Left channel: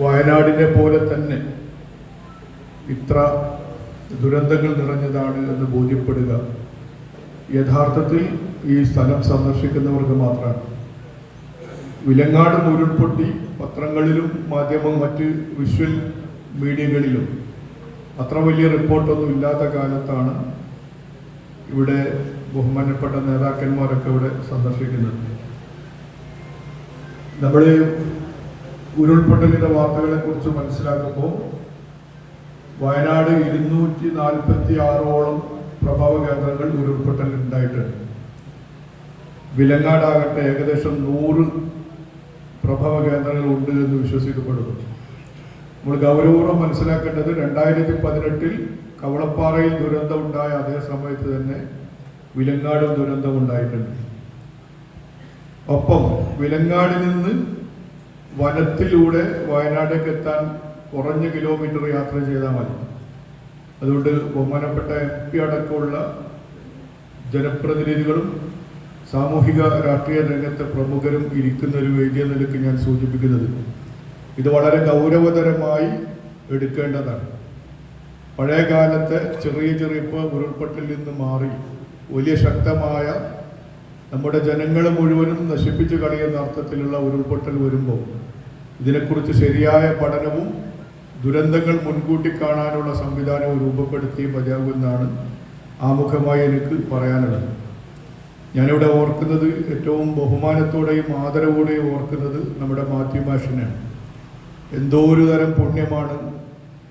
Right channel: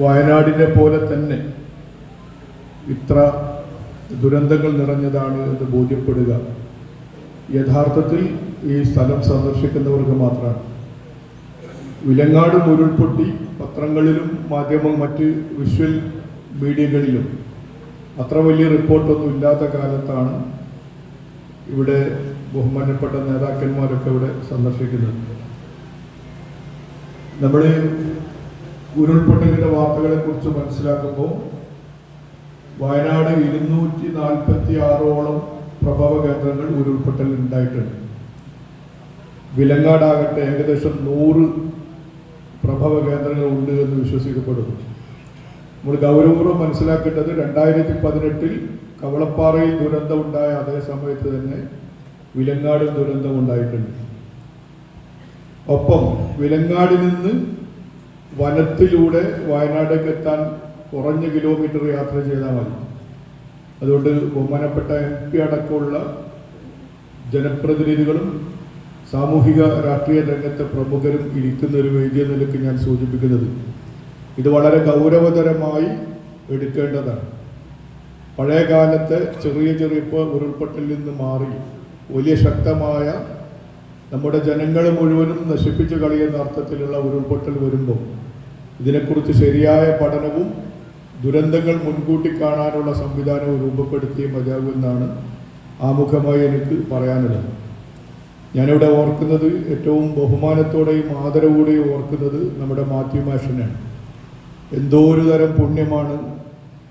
വയനാടിനെ പോലെ തന്നെ ഇത്ര ദുരന്തങ്ങൾ നിറഞ്ഞതാണ് എന്ന് ബോധ്യപ്പെടുക യഥാർത്ഥത്തിൽ ഈ സ്ഥലം സന്ദർശിക്കുന്നവർക്ക് മാത്രമാണ്. വിലങ്ങാട് ഉരുൾപൊട്ടി പത്രങ്ങളിലും മാധ്യമ മറ്റ് വിഷ്വൽ മീഡിയകളിലും അത്ര വലിയ റിപ്പോർട്ടൊന്നും ഇല്ലാത്ത കാലത്താണ് ഇവിടെ ബഹുമാനപ്പെട്ട നേതാക്കന്മാരൊക്കെ ഇവിടെ സന്ദർശിക്കുന്നത്. നമ്മൾ ഉരുൾപൊട്ടലിന്റെ വാർത്തകളെ കുറിച്ച് മനസ്സിലാക്കുമ്പോൾ വയനാട് ഇരുന്നൂറ്റി നാൽപ്പത്തി ആറോളം പ്രഭവ കേന്ദ്രങ്ങൾ ഉരുൾപൊട്ടലിൽ ഉണ്ടായിട്ടുണ്ട് വിലങ്ങാടാകട്ടെ ഏകദേശം നൂറ് പ്രഭവ കേന്ദ്രങ്ങൾ ഉണ്ട് എന്ന് വിശ്വസിക്കപ്പെടുന്നു. നമ്മൾ ഗൗരവപൂർവം മനസ്സിലാക്കേണ്ടത് രണ്ടായിരത്തി പതിനെട്ടിൽ കവളപ്പാറയിൽ ദുരന്തം ഉണ്ടായ അതേ സമയത്ത് തന്നെ വിലങ്ങാടും ദുരന്തം ഉണ്ടായിട്ടുണ്ട് ഒപ്പം വിലങ്ങാടിൽ നിന്ന് വനത്തിലൂടെ വയനാടേക്ക് എത്താൻ കുറഞ്ഞ കിലോമീറ്റർ യാത്ര ചെയ്താൽ മതി. അതുകൊണ്ട് ബഹുമാനപ്പെട്ട എം പി അടക്കമുള്ള ജനപ്രതിനിധികളും സാമൂഹിക രാഷ്ട്രീയ രംഗത്തെ പ്രമുഖരും ഇരിക്കുന്ന ഒരു വേദിയ നിലയ്ക്ക് ഞാൻ സൂചിപ്പിക്കുന്നത്. ഇത് വളരെ ഗൗരവതരമായി എടുക്കേണ്ടതാണ്. പഴയ കാലത്തെ ചെറിയ ചെറിയ ഇപ്പോൾ ഉരുൾപൊട്ടലിൽ നിന്ന് മാറി വലിയ ശക്തമായ നമ്മുടെ ജനങ്ങളെ മുഴുവനും നശിപ്പിച്ചു കളയുന്ന അർത്ഥത്തിലുള്ള ഉരുൾപൊട്ടൽ വരുമ്പോൾ ഇതിനെക്കുറിച്ച് ശരിയായ പഠനവും ദുരന്തങ്ങൾ മുൻകൂട്ടി കാണാനുള്ള സംവിധാനവും രൂപപ്പെടുത്തിയേ മതിയാകുമെന്നാണ് ആമുഖമായി എനിക്ക് പറയാനുള്ളത്. ഞാനിവിടെ ഓർക്കുന്നത് ഏറ്റവും ബഹുമാനത്തോടെയും ആദരവോടെയും ഓർക്കുന്നത് നമ്മുടെ മാത്യു മാഷിനെയാണ്. എന്തോ ഒരു തരം പുണ്യമാണ്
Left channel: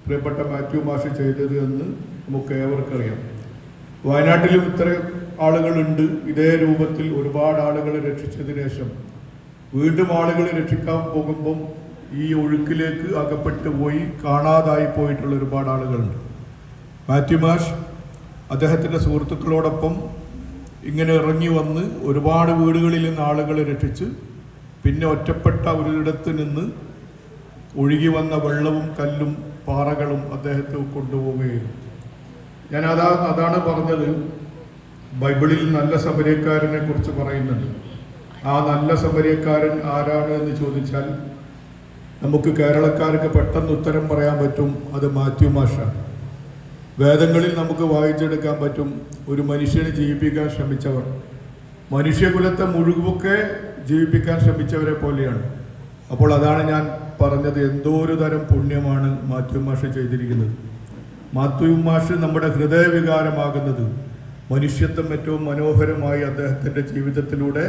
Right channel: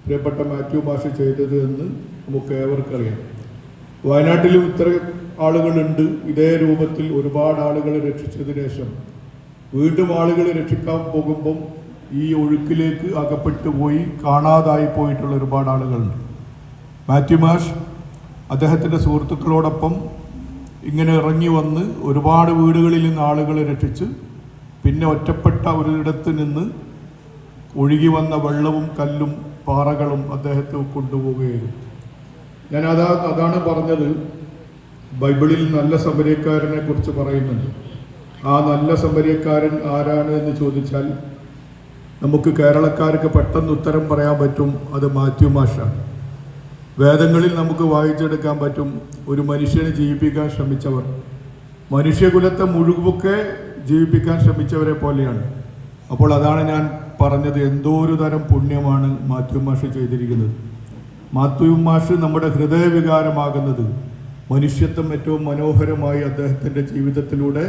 പ്രിയപ്പെട്ട മാത്യു മാഷ് ചെയ്തത് എന്ന് നമുക്ക് ഏവർക്കറിയാം വയനാട്ടിലും ഇത്ര ആളുകളുണ്ട്. ഇതേ രൂപത്തിൽ ഒരുപാട് ആളുകളെ രക്ഷിച്ചതിന് ശേഷം വീണ്ടും ആളുകളെ രക്ഷിക്കാൻ പോകുമ്പം ഈ ഒഴുക്കിലേക്ക് അകപ്പെട്ടു പോയി കാണാതായി പോയിട്ടുള്ള ഒരുപാട് ആളുകളുണ്ട്. മാത്യു മാഷ് അദ്ദേഹത്തിന്റെ സുഹൃത്തുക്കളോടൊപ്പം ഇങ്ങനെ ഇറങ്ങി വന്ന് ഒരുപാട് വീടുകളിൽ നിന്ന് ആളുകളെ രക്ഷിച്ച് പിന്നെ ഒറ്റപ്പെട്ട ഒരിടത്ത് നിന്ന് ഒഴുകി വന്ന വെള്ളവും കല്ലും പാറകളും അദ്ദേഹത്തെ കൊണ്ടുപോവുകയായിരുന്നു. ഞാൻ അതാ അതാണ് പറഞ്ഞത്. ബൈബിളിൽ നല്ല സമരക്കാരനെ കുറിച്ച് പറയുന്നുണ്ട്. ആ നല്ല സമരക്കാരൻ ആരാണ് എന്ന് ചോദിച്ചാൽ നമുക്ക് കേരളക്കാർക്ക് പെട്ടെന്ന് ഉത്തരം പറയാൻ പറ്റും അത് മാത്യു മാഷാണ്. വേദങ്ങളിൽ നമുക്ക് വായിച്ചെടുക്കാൻ പറ്റും ഒരു മനുഷ്യനെ ജീവിപ്പിക്കാൻ ശ്രമിച്ചവർ. മനുഷ്യകുലത്തെ മുഴുവൊക്കെ ജീവിപ്പിക്കാൻ ശ്രമിച്ചവരെ പോലെയാണ്. അപ്പോൾ അതാണ് ഞാൻ പറഞ്ഞത് എന്തോ ഒരു തരം പുണ്യമാണ് മാത്യു മാഷ് ചെയ്തിരിക്കുന്നത്. മാത്യു മാഷ് നമ്മുടെ ഹൃദയവികാരമാകുന്നത് മനുഷ്യത്വം ഏറ്റവും മനോഹരമായി അദ്ദേഹത്തിന്റെ ജീവിതത്തിലൂടെ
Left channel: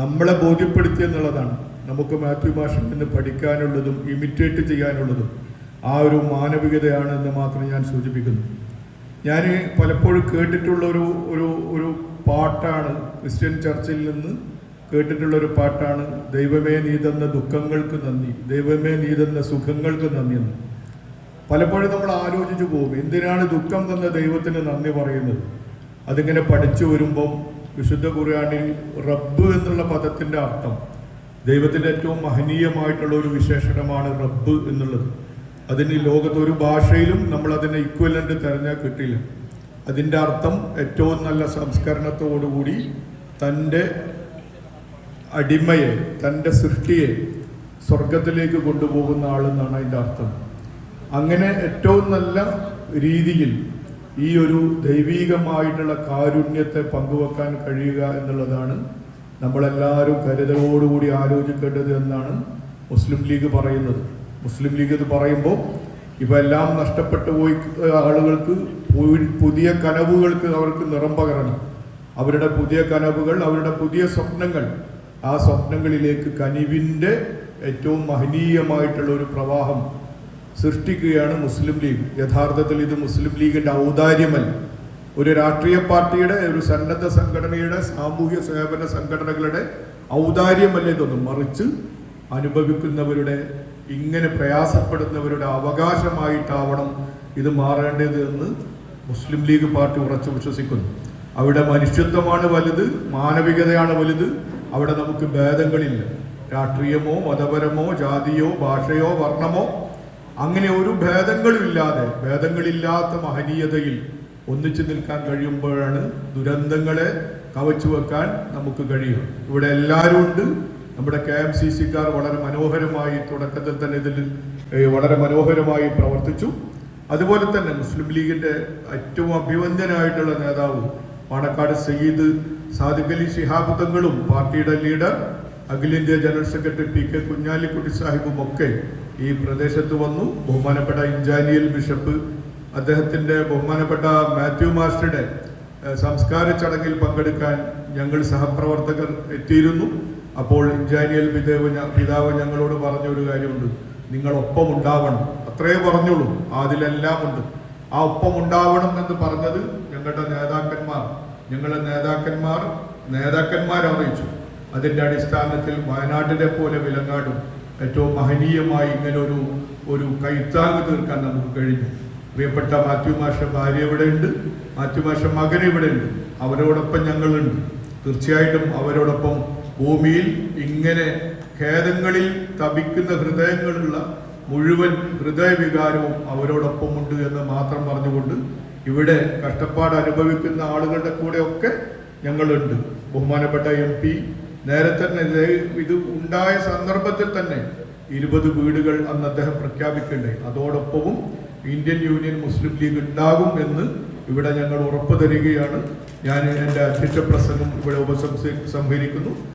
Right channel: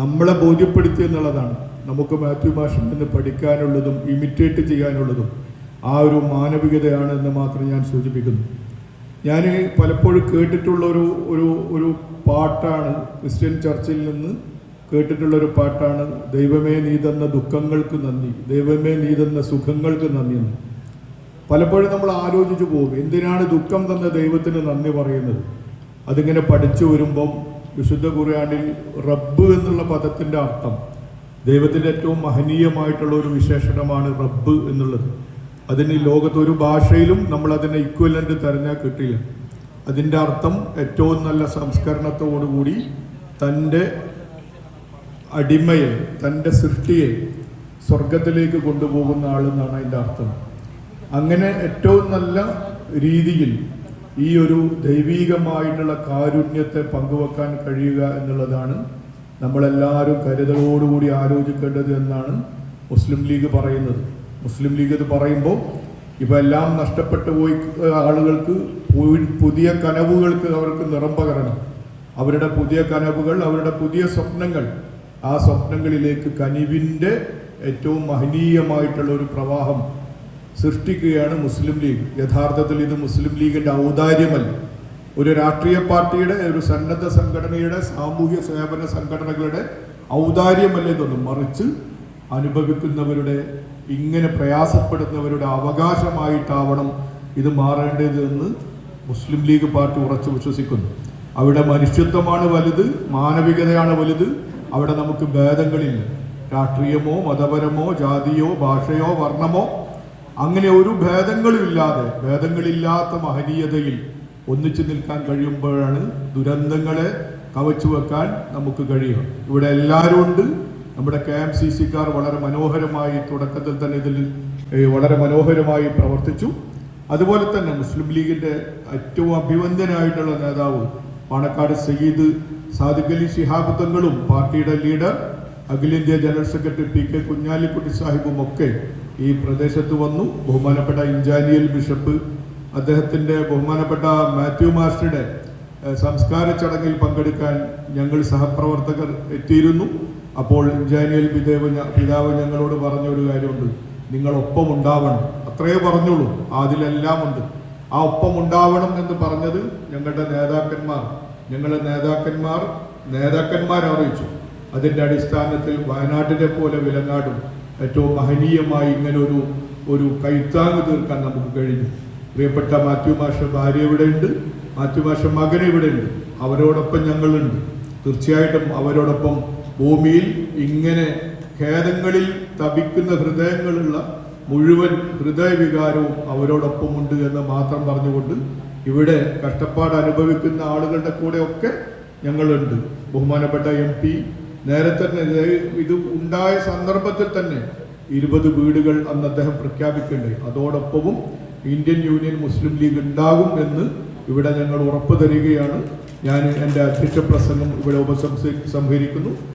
നമ്മളെ ബോധ്യപ്പെടുത്തി എന്നുള്ളതാണ്. നമുക്ക് മാത്യു ഭാഷയിൽ നിന്ന് പഠിക്കാനുള്ളതും ഇമിറ്റേറ്റ് ചെയ്യാനുള്ളതും ആ ഒരു മാനവികതയാണ് എന്ന് മാത്രം ഞാൻ സൂചിപ്പിക്കുന്നു. ഞാൻ പലപ്പോഴും കേട്ടിട്ടുള്ള ഒരു ഒരു ഒരു പാട്ടാണ് ക്രിസ്ത്യൻ ചർച്ചിൽ നിന്ന് കേട്ടിട്ടുള്ള ഒരു പാട്ടാണ് ദൈവമേ നീ തന്ന ദുഃഖങ്ങൾക്ക് നന്ദി ദൈവമേ നീ തന്ന സുഖങ്ങൾക്ക് നന്ദി എന്ന്. പലപ്പോഴും നമ്മൾ ആലോചിച്ചു പോകും എന്തിനാണ് ദുഃഖം തന്ന ദൈവത്തിന് നന്ദി പറയുന്നത്? അതിങ്ങനെ പഠിച്ചു വരുമ്പം വിശുദ്ധ ഖുർആനിൽ റബ്ബ് എന്നുള്ള പദത്തിന്റെ അർത്ഥം ദൈവത്തിന്റെ ഏറ്റവും മഹനീയമായിട്ടുള്ള ഒരു വിശേഷണമാണ് റബ്ബ് എന്നുള്ളത്. അതിന് ലോകത്ത് ഒരു ഭാഷയിലും നമ്മൾ അതിനെ ഇക്വലന്റ് തിരഞ്ഞാൽ കിട്ടില്ല. അതിന്റെ അർത്ഥം ഏറ്റവും നല്ല സംസ്കരണത്തോടുകൂടി തന്റെ അടിമയെ തന്റെ സൃഷ്ടിയെ സ്വർഗത്തിലേക്ക് കൊണ്ടുപോകുന്ന ആളെന്നാണ് അതിന്റെ അർത്ഥം. അങ്ങനെ ഏറ്റവും നല്ല രീതിയിൽ ഈ ഒരു ദൈവീകമായിട്ടുള്ള കാരുണ്യത്തെ പങ്കുവെക്കാൻ കഴിയുക എന്നുള്ളതാണ് നമ്മളെല്ലാവരും കരുതലോടുകൂടി ആലോചിക്കേണ്ടത് എന്നാണ് മുസ്ലിം ലീഗ് പറയുന്നത്. മുസ്ലിം ലീഗ് ഇത് പറയുമ്പോൾ ഇപ്പം എല്ലാം നഷ്ടപ്പെട്ടു പോയി ആളുകൾക്ക് പുതിയ കനവുകൾക്ക് അവർക്ക് നിറം പകരണം. അവരുടെ പുതിയ കനവുകൾ അവരുടെ പുതിയ സ്വപ്നങ്ങൾ ആ സ്വപ്നങ്ങളിലേക്ക് കനിവിന്റെ ഏറ്റവും മഹനീയമായിട്ടുള്ള ഒരു പ്രവാഹം സൃഷ്ടിക്കുകയാണ് മുസ്ലിം ലീഗ്. യഥാർത്ഥത്തിൽ ഇത് മുസ്ലിം ലീഗിന്റെ ഔദാര്യമല്ല. ഒരു രാഷ്ട്രീയ പാർട്ടിയുടെ ഒരു സന്നദ്ധ സംഘടനയുടെ സാമൂഹ്യ സേവന സംഘടനകളുടെ ഔദാര്യമല്ല തോന്നും മറിച്ച് അനുഭവിക്കുന്നവരുടെ ഇങ്ങനെ പ്രയാസപ്പെടുന്നവരുടെ അവകാശമായിട്ടാവണം ഇത് മാറേണ്ടത് എന്ന് മുസ്ലിം ലീഗ് പാർട്ടി ഉറച്ചു വിശ്വസിക്കുന്നു. അവിടെ മനുഷ്യത്വമാണ് വലുത് മാനവികതയാണ് വലുത്. അവിടെ നമുക്ക് ഭേദങ്ങളില്ല. രാഷ്ട്രീയമോ മതപരമോ ജാതിയോ ഭാഷയോ വർണമോ അങ്ങനെ ഒരു ഭേദങ്ങളുമില്ലാതെ ഭേദങ്ങളില്ലാത്ത മഹനീയതയിൽ ഒന്നിച്ചു നിൽക്കാൻ കഴിയുമ്പോഴാണ് ദുരന്തങ്ങളെ കവച്ചു വെക്കാൻ നമുക്ക് കഴിയും ഇവിടെ എല്ലാവരും ഉണ്ട്. നമ്മുടെ കെ എം സി സിക്കാർ വളരെ മനോഹരമായി തുടക്കത്തിൽ തന്നെ ഇതിൽ വളരെ മനോഹരമായി പ്രവർത്തിച്ചു. അതുപോലെ തന്നെ മുസ്ലിം ലീഗിന്റെ ഏറ്റവും അഭിവന്ദ്യനായിട്ടുള്ള നേതാവ് പാണക്കാട് സയ്യിദ് സാദിഖ് അലി ശിഹാബ് തങ്ങളും പാർട്ടിയുടെ ലീഡർ. അഖിലേന്ത്യാ general secretary P K Kunhalikutty സാഹിബും ഒക്കെ ഈ പ്രദേശത്ത് വന്നു. ബഹുമാനപ്പെട്ട ഇഞ്ചാനിയൽ ബിഷപ്പ് അദ്ദേഹത്തിന്റെ ബഹുമാനപ്പെട്ട മാത്യു മാസ്റ്ററുടെ സംസ്കാര ചടങ്ങിൽ പങ്കെടുക്കാൻ ഞങ്ങൾ സഹപ്രവർത്തകർ എത്തിയിരുന്നു. അപ്പോൾ ഇഞ്ചാനിയൽ പിതാവ് പിതാവ് ഞങ്ങളോട് പറഞ്ഞ ഒരു കാര്യമുണ്ട്. നിങ്ങൾ ഒപ്പം ഉണ്ടാവണം. അത്രേ പറഞ്ഞുള്ളൂ. അതിലെല്ലാം ഉണ്ട്. ആ ഒപ്പം ഉണ്ടാവണം എന്ന് പറഞ്ഞത് ഞങ്ങളുടെ നേതാക്കന്മാർ. ഞങ്ങളുടെ നേതാക്കന്മാർ നേതാക്കന്മാർ അറിയിച്ചു അതിന്റെ അടിസ്ഥാനത്തിൽ വയനാട്ടിലെ പോലെ വിലങ്ങാടും ഏറ്റവും മഹനീയമായി ഇങ്ങനെ ഒരു ഒരു കൈത്താങ് തീർക്കാൻ നമുക്ക് കഴിഞ്ഞു. പ്രിയപ്പെട്ട മാത്യു മാഷ ഭാര്യ ഇവിടെയുണ്ട് മാത്യു മാഷ മകൻ ഇവിടെയുണ്ട് അവരോടൊപ്പം ഞങ്ങളുണ്ട്. തീർച്ചയായിട്ടും അവരോടൊപ്പം ഭൂമിയിൽ ഇങ്ങനെ ഖേദങ്ങളിൽ തപിക്കുന്ന ഹൃദയങ്ങളുള്ള മുഴുവൻ ഹൃദയവികാരവും അവരോടൊപ്പം ഉണ്ട് എന്ന് മാത്രം പറഞ്ഞുകൊണ്ട് ഇവിടെ കഷ്ടപ്പാട് അനുഭവിക്കുന്ന ആളുകളുടെ കൂടെയൊക്കെ ഞങ്ങളുണ്ട്. ബഹുമാനപ്പെട്ട എം പി നേരത്തെ തന്നെ ഇത് ഉണ്ടായ സന്ദർഭത്തിൽ തന്നെ ഇരുപത് വീടുകൾ അന്ന് അദ്ദേഹം പ്രഖ്യാപിക്കണ്ടേ. അതോടൊപ്പവും ഇന്ത്യൻ യൂണിയൻ മുസ്ലിം ലീഗ് ഉണ്ടാകും എന്ന് ഇവിടെ ഞങ്ങൾ ഉറപ്പ് തരികയാണ്. ഞാൻ എന്റെ അധ്യക്ഷ പ്രസംഗം ഇവിടെ ഉപസംഹരിക്കുന്നു